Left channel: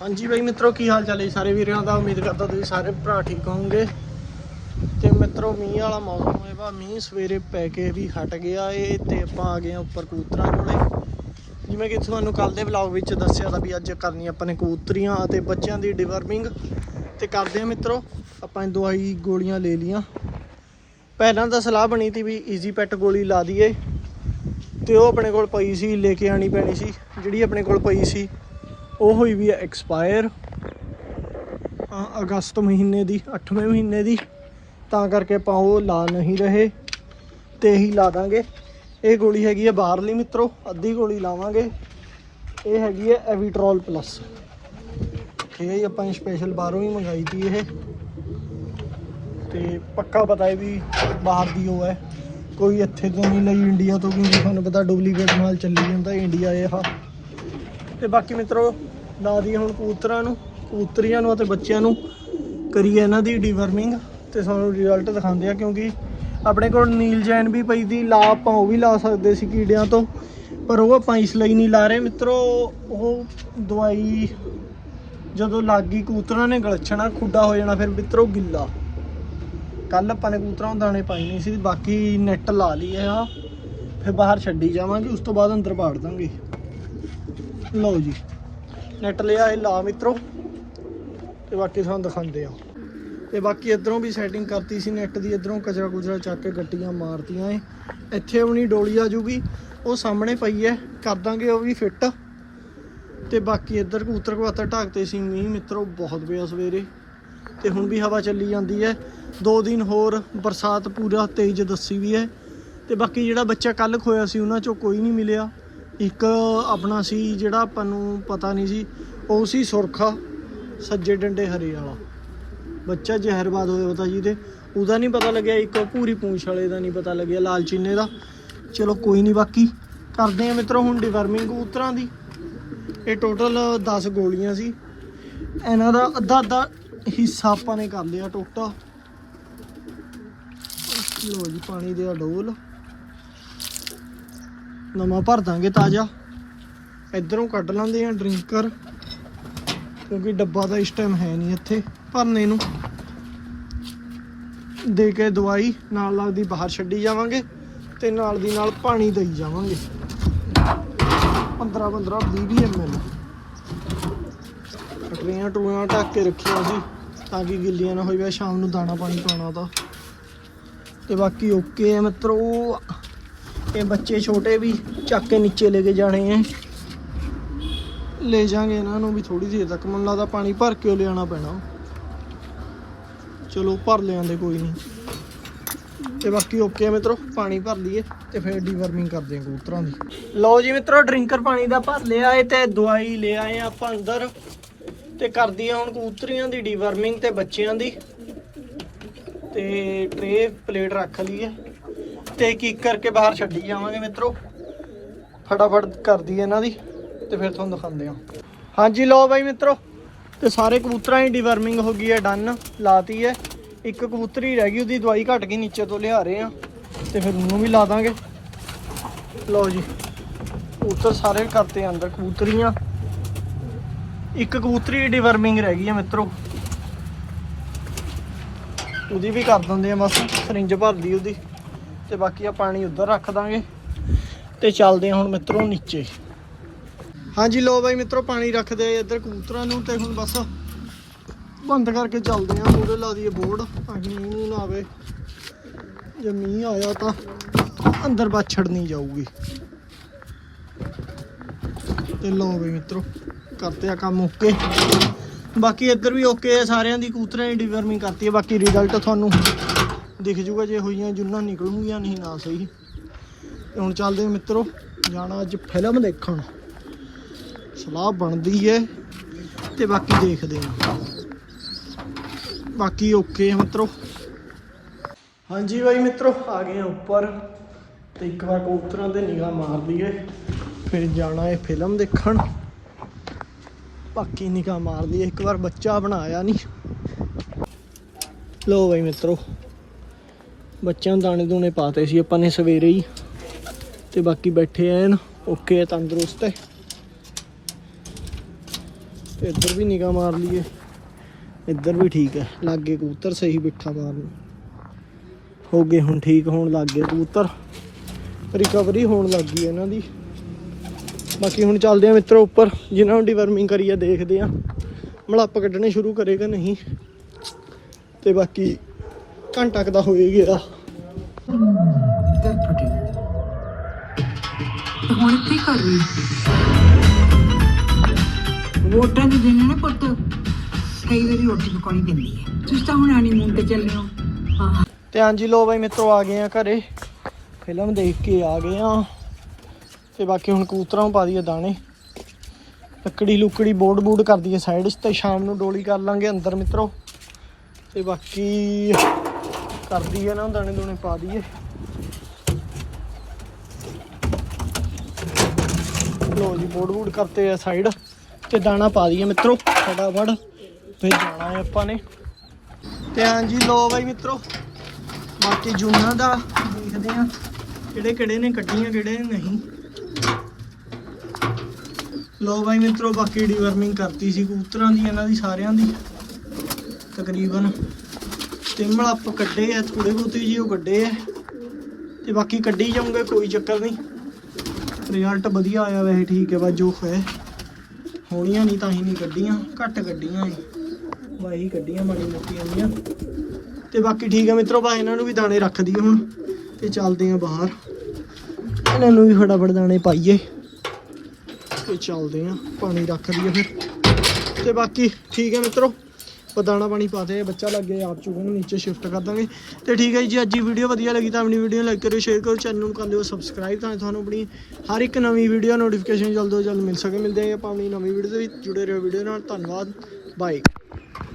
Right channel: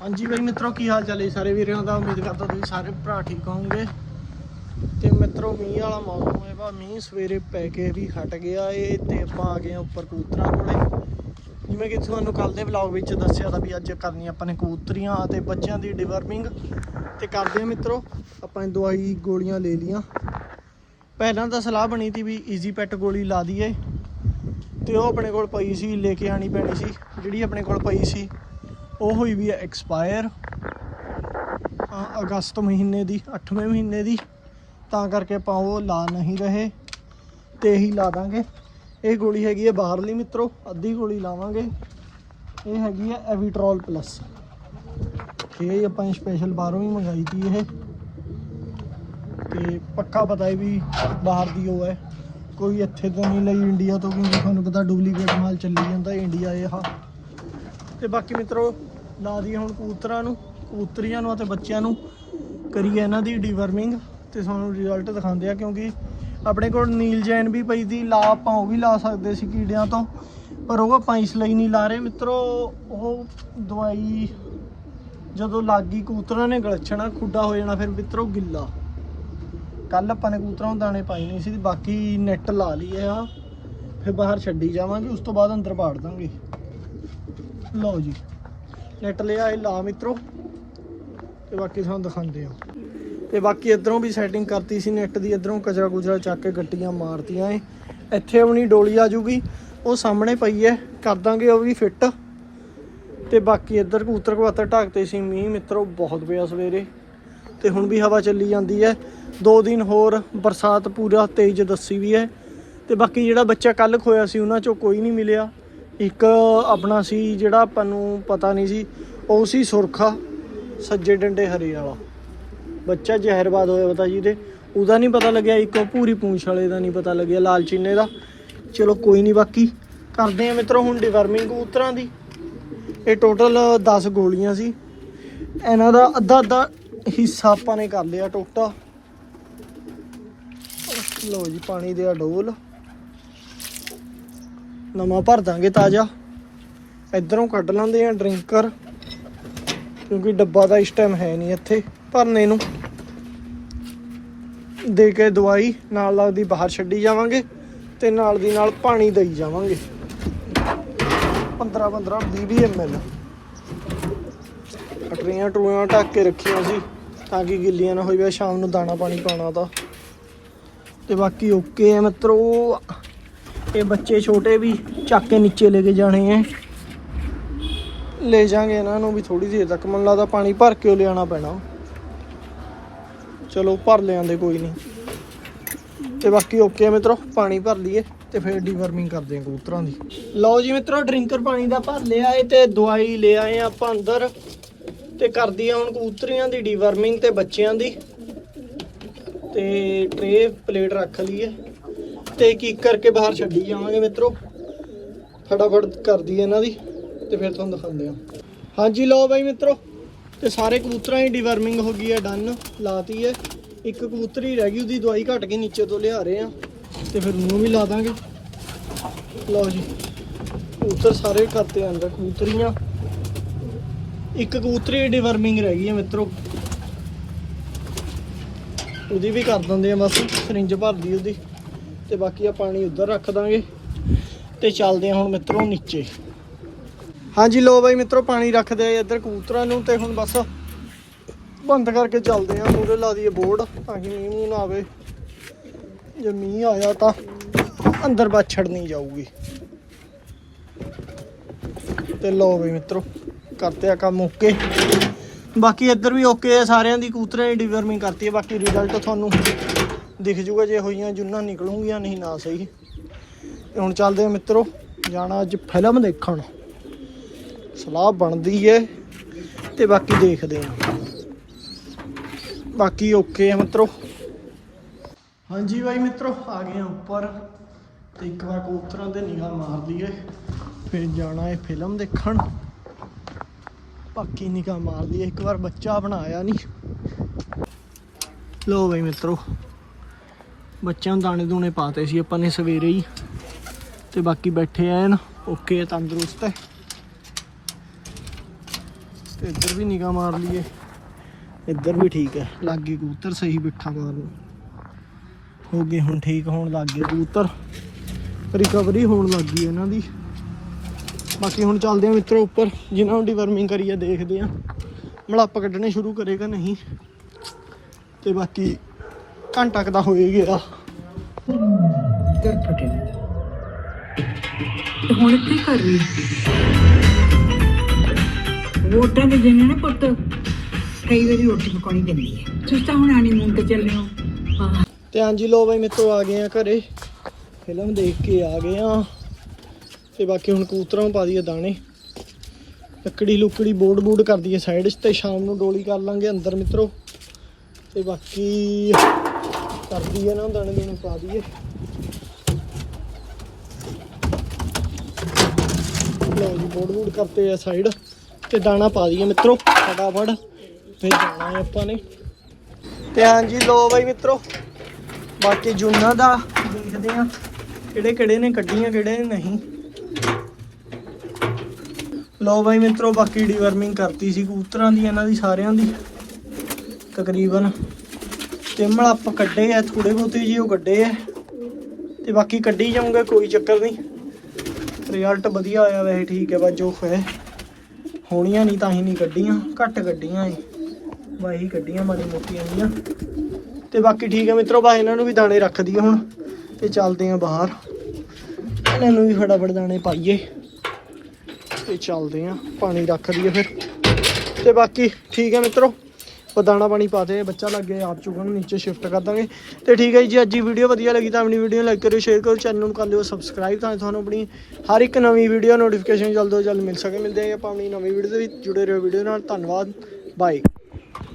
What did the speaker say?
ਹਾਂਜੀ ਬਈ ਮਿੱਤਰੋ, ਕੀ ਹਾਲ ਚਾਲ ਹੈ ਸਾਰੇ ਵੀਰਾਂ ਦਾ? ਉਮੀਦ ਕਰਦਾ ਤੁਸੀਂ ਸਾਰੇ ਭਰਾ ਠੀਕ ਹੋਵੋਗੇ। ਤੇ ਮਿੱਤਰੋ, ਮੀਂਹ ਵਾਲਾ ਮੌਸਮ ਹੈ ਵਾ ਮੀਂਹ ਸਵੇਰੇ ਪੈ ਕੇ ਵੀ ਹਟ ਗਿਆ ਏ ਤੇ ਆਪਾਂ ਆ ਗਏ ਹਾਂ ਉੱਪਰ ਕਬੂਤਰਾਂ ਕੋਲੇ। ਜਿਵੇਂ ਕਿ ਤੁਹਾਨੂੰ ਕੱਲ ਦੇ ਵਲੌਗ ਵਿੱਚ ਦੱਸਿਆ ਤਾਂ ਵੀ ਅੱਜ ਕਰਨੀ ਆਪਾਂ ਨੇ ਕਬੂਤਰੀਆਂ ਅਤੇ ਬੱਚਿਆਂ ਦੀ ਡਿਵਰਮਿੰਗ ਤੇ ਕਰਦੇ ਹਾਂ ਮਿੱਤਰੋ, ਆਪਾਂ ਦਵਾਈ ਗੋਲੀਆਂ ਲੈ ਲੀਆਂ ਪਹਿਲਾਂ ਤਾਂ ਸਲਾਹ ਬਣੀ ਸੀ ਵੀ ਈਜ਼ੀ ਪੈਟ ਗੋਲੀ ਲਾ ਦਈਏ। ਤੇ ਉਹ ਆਪਣੇ ਕੋਲ ਪਈ ਸੀ, ਲੈ ਕੇ ਆਣੀ ਪੈਣੀ ਸੀ। ਜਿਹੜੀ ਆਪਣੇ ਕੋਲ ਪਈ ਸੀ ਉਹ ਹੋਈ ਵੀ ਹੈ ਐਕਸਪਾਇਰ ਅਗਸਤ ਮਹੀਨੇ ਦੀ 8ਵੇਂ ਮਹੀਨੇ ਦੀ। ਤਾਂ ਕਰਕੇ ਆਪਾਂ ਉਹ ਲਾ ਨਹੀਂ ਰਹੇ, ਤੇ ਇਹੀ ਲਾ ਦਾਂਗੇ। ਇਹ ਗੋਲੀ ਹੈਗੀ ਹੈ ਬਾਹਰਲੀ ਮਿੱਤਰੋ, ਅੱਧੀ ਗੋਲੀ ਲਾਵਾਂਗੇ। ਇਹ ਹੈਗੀ ਹੈ ਐਵੀਟਰੋਲ ਪਲੱਸ ਇਹ ਆਪਾਂ ਸਪੈਸ਼ਲ ਬਾਹਰੋਂ ਹੀ ਮੰਗਾਈ ਸੀ ਇਹ। ਤੇ ਪੱਕਾ ਪਤਾ ਹੈ ਵੀ ਬਾਹਰ ਦੀ ਉਹ ਹੈ। ਕੋਈ ਇੱਥੇ ਤੋਂ ਨਹੀਂ ਲਈ ਇੰਡੀਆ ਤੋਂ ਕਿਉਂਕਿ ਤੁਹਾਨੂੰ ਪਤਾ ਡੁਪਲੀਕੇਟ ਨਾਲ ਚੱਲੀ ਜਾਂਦਾ ਇੰਡੀਆ ਇਹ ਆ। ਤੇ ਬਾਕੀ ਮਿੱਤਰੋ ਲਾ ਦਈਏ ਹੁਣ ਕਬੂਤਰਾਂ ਨੂੰ, ਕਬੂਤਰੀਆਂ ਨੂੰ ਅਤੇ ਬੱਚਿਆਂ ਨੂੰ ਕਰੀਏ ਇਹਨਾਂ ਦੀ ਡੀਵਰਮਿੰਗ ਤੇ ਸਾਨੂੰ ਰਿਜ਼ਲਟ ਦਿਖਾਉਂਦੇ ਆ ਕਿਉਂਕਿ ਆਪਣੇ ਕੋਲ ਨੀਲ ਜੈਨ ਵੀ ਪਈ ਦੀ ਲਾ ਆਪਾਂ ਉਹ ਵੀ ਲਾ ਸਕਦੇ ਸੀ ਕੀੜਿਆਂ ਤੋਂ, ਪਰ ਉਹ ਆਪਾਂ ਇਸ ਲਈ ਨਹੀਂ ਲਾ ਰਹੇ। ਮਿੱਤਰੋ, ਉਹ ਦਵਾਈ ਜਦੋਂ ਲੱਗ ਗਈ ਕਬੂਤਰਾਂ ਨੇ ਗਲਛਣਾ, ਖੁੱਡਾ ਹੋ ਜਾਣਾ, ਫਿਰ ਮਿੱਤਰੋ ਗਿੱਲਾ। ਕੱਲ ਆਪਾਂ ਨੇ ਕਬੂਤਰਾਂ ਨੂੰ ਦਾਣੇ ਪਾਈ ਨਹੀਂ ਸੀ, ਬਾਕੀ ਨੈਟ ਲਾ ਲਈਏ ਆ, ਫਿਰ ਬਾਹਰ ਛੱਡੀ ਜਾਵਾਂਗੇ, ਉਸ ਤੋਂ ਬਾਅਦ ਅੰਦਰ ਪਾੜ ਦਾਂਗੇ। ਲਓ ਜੀ। ਨੈਟ ਲਿਆ ਇਹ ਲਾ ਮਿੱਤਰੋ ਤੇ ਬਾਕੀ ਤੁਹਾਨੂੰ ਦਿਖਾਉਂਦੇ ਆ ਤੇ ਬਾਕੀ ਇਧਰੋਂ ਵੀ ਸੈਟਿੰਗ ਕਰਤੀ ਸੀ ਨੈਟ ਦੀ, ਇਧਰੋਂ ਕਚਰਾ ਕੁਚਰਾ ਚੱਕ ਕੇ ਗੱਟੀਆਂ ਮਾਰਤੀਆਂ ਏ ਇੱਥੇ ਆਪਣੀ ਡੋਲੀ ਆ ਜੂਗੀ ਉਹ ਸਾਹਮਣੇ ਪਈ ਹੈ, ਕਰ ਦਾਂਗੇ ਉਹ ਵੀ ਫਿੱਟ ਤੇ ਬਾਕੀ ਇੱਧਰ ਕਬੂਤਰ ਕਵਾਤਰ ਢਾਕਤੇ ਸੀ ਮੀਂਹ, ਮਿੱਤਰੋ ਬਹੁਤ ਪਿਆ ਸਵੇਰੇ। ਤੇ ਹੁਣ ਵੀ ਹਵਾ ਚੱਲੀ ਜਾਂਦੀ ਹੈ। ਦੋ ਦਿਨ ਹੋਰ, ਬਰਸਾਤ ਪੂਰਾ ਤੇਜ਼ ਦੱਸੀ ਵੀ ਹੈ। ਤੇ ਬਾਕੀ ਜਿਹੜਾ ਬੱਚਾ ਕੱਲ ਖੋਇਆ ਸੀ, ਉਹਨਾਂ ਚੋਂ ਕੋਈ ਨਹੀਂ ਮਿਲਿਆ। ਇੱਕ ਆਪਣਾ ਸੀ ਜਿਹੜਾ ਆਪਾਂ ਨੂੰ ਪਤਾ ਨਹੀਂ ਸੀ, ਉਹ ਸੀ ਸੁਰਖਾ, ਸੱਜੇ ਡੰਡੇ ਹਰੇ ਵਾਲਾ। ਬੱਚਾ ਜ਼ਹਿਰਬਾਦ ਹੋਇਆ ਪਤਾ ਜੀ ਦੇ ਉਹਦਾ ਨਹੀਂ ਪਤਾ ਲੱਗਿਆ, ਇੱਕ ਉਹ ਪੂਰੀ ਪੂੰਛ ਵਾਲੇ ਦਾ ਨਹੀਂ ਪਤਾ ਲੱਗਿਆ ਲਾਲ ਚੀਨੇ ਦਾ। ਚਲੋ ਕੋਈ ਨਹੀਂ ਬਾਕੀ, ਕਰਦੇ ਆ ਮਿੱਤਰੋ ਹੁਣ ਡਿਵਰਮਿੰਗ ਕਬੂਤਰਾਂ ਦੀ। ਇਹ ਟੋਟਲ 10 ਗੋਲੀਆਂ ਸੀ। ਇਹਨਾਂ ਦਾ ਅੱਧਾ ਅੱਧਾ ਹਿੱਸਾ ਆਪਾਂ ਨੇ ਕਰ ਲਿਆ ਟੋਟਾ। ਲਓ ਜੀ, ਪਾਣੀ ਦੇ ਡੋਲ। ਨਵਾਂ ਭਰ ਦਾਂਗੇ ਤਾਜ਼ਾ। ਇਧਰੋਂ ਕੱਢ ਲਾਂਦੇ ਆ ਡਰਿੰਕਰ, ਕਿਉਂਕਿ ਡੱਬਾ ਤਾਂ ਇਸ ਟਾਈਮ ਹੈ ਨਹੀਂ ਇੱਥੇ ਭਰਨੇ ਨੂੰ। ਦੇ ਕੇ ਦਵਾਈ, ਨਾਲ ਲੱਗਦੀ ਬਾਹਰ ਛੱਡੀ ਜਾਵਾਂਗੇ ਤੇ ਨਾਲ ਦੀ ਨਾਲ ਪਾਣੀ ਦਈ ਜਾਵਾਂਗੇ। 15 15 20 ml ਅਟਰੀਆਂ ਟੂਆਂ ਢੱਕ ਕੇ ਰੱਖੀਆਂ ਸੀ ਤਾਂ ਕਿ ਗਿੱਲੀਆਂ ਨਾ ਹੋਈ ਵੇ ਸ਼ਾਮ ਨੂੰ ਦਾਣਾ ਪਾਣੀ ਪਾਉਣਾ ਤਾਂ। ਤੇ ਬਾਕੀ ਓਕੇ ਹੈ ਮਿੱਤਰੋ। ਇਹ ਬੱਚੇ ਛੋਟੇ ਵੀ ਚੱਕ ਕੇ ਨੀਚੇ ਲੈ ਕੇ ਜਾਣੇ ਐ। ਲੈ ਜਾਾਂਗੇ ਇਹਨਾਂ ਨੂੰ ਵੀ ਥੋੜੀ ਦੇਰ ਤੱਕ, ਮੈਨੂੰ ਲੱਗਦਾ ਪਾਣੀ ਭਰ ਕੇ ਉਹ ਪੈਣਾ। ਚਲੋ ਭਰ ਲਿਆਂਦੇ, ਕੋਈ ਨਹੀਂ। ਤੇ ਬਾਕੀ ਓਕੇ ਹੈ ਮਿੱਤਰੋ, ਪਾਣੀ ਭਰ ਲਈਏ ਤੇ ਫਿਰ ਡੀਵਰਮਿੰਗ ਕਰਦੇ ਹਾਂ ਕਬੂਤਰਾਂ ਦੀ। ਲਓ ਜੀ ਮਿੱਤਰੋ ਡਰਿੰਕਰ ਪਾਣੀ ਦਾ ਭਰ ਲਿਆ ਏ ਤੇ ਦਵਾਈ ਲੈ ਆਏ ਆਪਾਂ ਅੰਦਰ। ਤੇ ਕਰਦੀ ਆ ਹੁਣ ਕਬੂਤਰੀਆਂ ਦੀ ਡੀਵਰਮਿੰਗ ਤੇ ਬੱਚਿਆਂ ਦੀ। ਤੇ ਟਰੇ ਪਲੇਟ ਰੱਖ ਲਈਏ। ਤੇ ਇੱਕ ਇੱਕ ਕਰਕੇ ਬਾਹਰ ਛੱਡੀ ਜਾਵਾਂਗੇ ਮਿੱਤਰੋ। ਫਟਾਫਟ ਕਰਦੀ ਇਹਨਾਂ ਦੀ ਤੇ ਫਿਰ ਤੁਹਾਨੂੰ ਦਿਖਾਉਂਦੇ ਹਾਂ। ਹਾਂਜੀ, ਲਓ ਬਾਈ ਮਿੱਤਰੋ, ਤੇ ਸਾਰੇ ਕਬੂਤਰਾਂ ਦੀ ਡਿਵਰਮਿੰਗ ਹੋ ਗਈ ਹੈ ਡਨ ਲਾਤੀ ਹੈ। ਇੱਕ ਕਬੂਤਰੀ ਰਹਿ ਗਈ, ਉਹਦੀ ਦਵਾਈ ਘਟ ਗਈ ਨੀਚੇ ਤੋਂ ਲਿਆ ਰਹੇ ਆ ਤੇ ਫਿਰ ਉਹਨੂੰ ਵੀ ਲਾ ਦਾਂਗੇ। ਲਓ ਜੀ, ਕਬੂਤਰ ਸਾਰੇ ਕਰਤੇ ਅੰਦਰ ਕਬੂਤਰੀਆਂ। ਇੱਕ ਕਬੂਤਰੀ ਡੀਵਰਮਿੰਗ ਰਹਿ ਗਈ ਹੈ ਮਿੱਤਰੋ। ਉਹਦੀ ਵੀ ਕਰ ਦਿੰਦੇ ਆ ਬਸ ਸਰਿੰਜ ਭਰਦੀ ਉਹਦੀ। ਤੇ ਬਾਕੀ ਆ ਪਾਣੀ ਉੱਧਰ ਰੱਖ ਦਾਂਗੇ ਤੇ ਚੱਲਦੇ ਆ ਹੁਣ ਮਿੱਤਰੋ ਨੀਚੇ। ਹਾਂਜੀ ਲੋ ਬਾਈ ਮਿੱਤਰੋ, ਪਾਣੀ ਰੱਖਦੇ ਆ ਇੱਧਰ ਕਬੂਤਰਾਂ ਨੂੰ ਤੇ ਹੁਣ ਬਸ ਬੰਦ ਕਰਕੇ ਚੱਲਦੇ ਆ ਮੂਰੇ ਲਾ ਦਈਏ ਬੋਰਡ ਤਾਂ ਕਿ ਮੀਂਹ ਨਾ ਆਵੇ। ਜੇ ਮੀਂਹ ਆਇਆ ਤਾਂ ਅੰਦਰ ਬਾਛੜ ਨਹੀਂ ਜਾਊਗੀ। ਤੇ ਲੋ ਬਈ ਮਿੱਤਰੋ ਕਰਤੇ ਆ ਕੰਮ ਓਕੇ। ਬਾਕੀ ਇੱਧਰ ਵੀ ਓਕੇ ਹੈ ਸਾਰਿਆਂ ਦੀ ਕਬੂਤਰਾਂ ਦੀ ਡਿਵਰਮਿੰਗ ਕਰਤੀ ਹੈ ਬਾਕੀ ਰਿਜ਼ਲਟ ਤੁਹਾਨੂੰ ਦਿਖ ਜੂਗਾ ਜੇ ਹੋਈਆਂ ਜੁੰਨਾਂ ਨਿਕਲੂਗੀਆਂ, ਨਹੀਂ ਨਾ ਸਹੀ। ਹੁਣ ਚੱਲਦੇ ਆ ਮਿੱਤਰੋ, ਜਾਣਾ ਅੱਜ ਫਿਲਮ ਦੇਖਣ। ਸਲਾਹ ਬਣਦੀ ਹੈ ਤੇ ਬਾਕੀ ਦੇਖਦੇ ਆ। ਬਾਕੀ ਓਕੇ ਮਿੱਤਰੋ। ਹਾਂਜੀ ਬਾਈ ਮਿੱਤਰੋ, ਆ ਗਏ ਆ ਉੱਪਰ। ਤੇ ਇੱਕ ਵਾਰ ਕਬੂਤਰਾਂ ਤੇ ਨਿਗਾਹ ਮਾਰ ਲਈਏ। ਫਿਰ ਜਾਣਾ ਏ ਫਿਲਮ ਦੇਖਣ। ਬਾਕੀ ਨਿਗਾਹ ਮਾਰ ਲਈਏ। ਇੱਕ ਵਾਰ ਬੱਚਾ ਬਣਾਇਆ ਨਹੀਂ ਲੋ ਬਾਈ ਮਿੱਤਰੋ ਬੱਚਿਆਂ ਨੂੰ ਦਾਣੇ ਦੂਣੇ ਪਾਤੇ ਸੀ ਆਪਾਂ ਨੇ ਸਵੇਰੇ ਹੀ। ਤੇ ਬਾਕੀ ਬੈਠੇ ਐਨ, ਓਕੇ, ਤੰਦਰੁਸਤ ਹੈ ਤੇ ਇੱਧਰ ਵੀ ਨਿਗਾਹ ਮਾਰ ਲਈਏ। ਇੱਧਰ ਵੀ ਠੀਕ ਹੈ ਲਾਗੇ ਕਬੂਤਰ ਸਹੀ ਬਿੱਠਾ ਮਾਰਨ। ਹੋ ਗਏ ਹੁਣ ਠੀਕ, ਹੋਣ ਲੱਗ ਗਏ ਕਬੂਤਰ। ਰਿਕਵਰੀ ਹੋਣ ਲੱਗ ਗਈ ਇਹਨਾਂ ਦੀ। ਬਾਕੀ ਹੁਣ ਚੱਲਦੇ ਆ ਮਿੱਤਰੋ ਉੱਪਰ। ਜਿਨ੍ਹਾਂ ਨੂੰ ਡਿਵਰਮਿੰਗ ਕਰੀ ਆ ਦੇਖਦੇ ਆ। ਮਲੱਪ ਕੱਢਣੇ ਸ਼ੁਰੂ ਕਰੇਗਾ ਨਹੀਂ। ਤੇ ਬਾਕੀ ਘੰਟਾ ਕੁ ਦਾ ਹੋਏ ਗਿਆ। ਤੇ ਹੁਣ ਕੀ ਕਰ ਵੋਟਾਂ ਦੇ ਦਿਨ ਨਾ ਪੁੱਤ। ਕਈ ਵਾਰੀ ਰੋਟੀ ਪਕਾਉਣੀ ਪੈਂਦੀ ਹੈ ਤੁਸੀਂ ਤਾਂ ਹੁਣ ਆਣੀ ਮੂੰਹ ਤੇ ਚੱਲੇ ਹੋ। ਹਾਂ। ਤੇ ਹਾਂਜੀ ਲੋ ਬਾਈ ਮਿੱਤਰੋ ਆ ਗਏ ਆ ਘਰੇ। ਫਿਲਮ ਦੇਖ ਕੇ ਆ ਗਏ ਆ। ਤੇ ਬਾਕੀ ਹੁਣ ਕਬੂਤਰਾਂ ਨੂੰ ਪਾ ਦਈਏ ਦਾਣੇ। ਲੱਕੜੀ ਲੁਕੜੀ ਬੋਰਡ ਬੂਡ ਕਰ ਦਈਏ ਸਾਈਡ 'ਚ ਤੇ ਸ਼ਾਮ ਨੂੰ ਡੋਲੀ ਕਰ ਲਾਂਗੇ ਅੰਦਰ ਮਿੱਤਰੋ। ਤੇ ਬਾਕੀ ਕਰਦੀ ਦਈਏ ਨਾ, ਦਾਣੇ ਦੋਣੇ ਪਾ ਦਈਏ। ਲੋ ਜੀ, ਬੋਰਡ ਬੂਡ ਕਰਤੇ ਆ ਸਾਈਡ ਤੇ ਦਾਣਾ ਪਾ ਦਈਏ ਮਿੱਤਰੋ, ਫਟਾਫਟ। ਫਿਰ ਜਾਣਾ ਹੈ ਆਪਾਂ ਨੇ। ਤੇ ਹਾਂਜੀ ਲੋ ਬਾਈ ਮਿੱਤਰੋ, ਬਾਕੀ ਜੂਨਾਂ ਦਾ ਦੇਖਦੇ ਆ ਕਿਹੜੇ ਕਿਹੜੇ ਨੇ, ਕੱਢੀਆਂ ਕਿਹੜੇ ਨੇ, ਨਹੀਂ। ਲੋ ਬਾਈ ਮਿੱਤਰੋ, ਬਾਕੀ ਡੀਵਰਮਿੰਗ ਕਰਤੀ ਸੀ ਕਬੂਤਰਾਂ ਦੀ, ਇਹਨਾਂ ਦੀ ਸਾਰਿਆਂ ਦੀ, ਤਕਰੀਬਨ। ਤਿੰਮਲ ਆਪਾਂ ਕੱਢੇ ਆ ਥੋੜੇ ਬਹੁਤੇ ਜੀ ਉਹ ਕੱਢੇ ਆ। ਤੇ ਬਾਕੀ ਕੱਢੀ ਜਾਊਂਗਾ, ਕੋਈ ਚੱਕਰ ਨਹੀਂ। ਰਿਜ਼ਲਟ ਵਧੀਆ ਆਇਆ ਵੈਸੇ, ਠੀਕ ਹੈ ਬਸ ਜੋ ਹੈ। ਹੋਣੀਆਂ ਨਹੀਂ, ਤਾਂ ਹੀ ਨਹੀਂ ਕੱਢੀਆਂ, ਘੱਟ ਕੱਢੀਆਂ ਏ ਵਾਹੀ ਕੱਢੀਆਂ, ਮਾੜੀ ਮੋਟੀਆਂ ਹੋਈਆਂ ਤੇ ਬਾਕੀ ਠੀਕ ਹੈ ਮਿੱਤਰੋ ਬਾ ਇਹਨਾਂ ਨੂੰ ਵੀ ਦਾਣੇ ਰੱਖ ਦਈਏ ਹੁਣ, ਤੇ ਚੱਲਦੇ ਆ ਬਾਹਰ। ਇਹਨਾਂ ਨੂੰ ਵੀ ਫਟਾਫਟ ਦਾਣੇ ਪਾਈਏ। ਤੇ ਚੱਲਦੇ ਆ ਪਾਣੀ ਰੱਖ ਦਈਏ ਫਿਰ। ਤੇ ਬਾਕੀ ਠੀਕ ਹੈ ਮਿੱਤਰੋ। ਉਹ ਦਾਣਾ ਪਾਣੀ ਪਾ ਦੇ ਬੱਚਾ ਲੱਗੇ ਆਪ ਚੁਗਣ ਨੀਚੇ ਸ਼ਿਫਟ ਕਰ ਦਾਂਗੇ। ਤੇ ਠੀਕ ਹੈ ਜੀ, ਅੱਜ ਦੀ ਵੀਡੀਓ ਵਧੀਆ ਲੱਗੀ ਤਾਂ ਆਪਣੀ ਵੀਡੀਓ ਲਾਈਕ ਕਰਿਓ ਸ਼ੇਅਰ ਕਰੋ ਚੈਨਲ ਨੂੰ ਕਰ ਦਿਓ ਸਬਸਕ੍ਰਾਈਬ ਤਾਂ ਤੁਹਾਨੂੰ ਆਪਣੀ ਹਰ ਇੱਕ ਨਵੀਂ ਵੀਡੀਓ ਨੋਟੀਫਿਕੇਸ਼ਨ ਜਲਦ ਤੋਂ ਜਲਦ ਮਿਲ ਸਕੇ। ਮਿਲਦੇ ਹਾਂ ਆਪਾਂ ਆਪਣੀ ਨਵੀਂ ਵੀਡੀਓ ਦੇ ਵਿੱਚ, ਜੁੜੇ ਰਹੋ ਵੀਡੀਓ ਨਾਲ। ਧੰਨਵਾਦ ਬਾਏ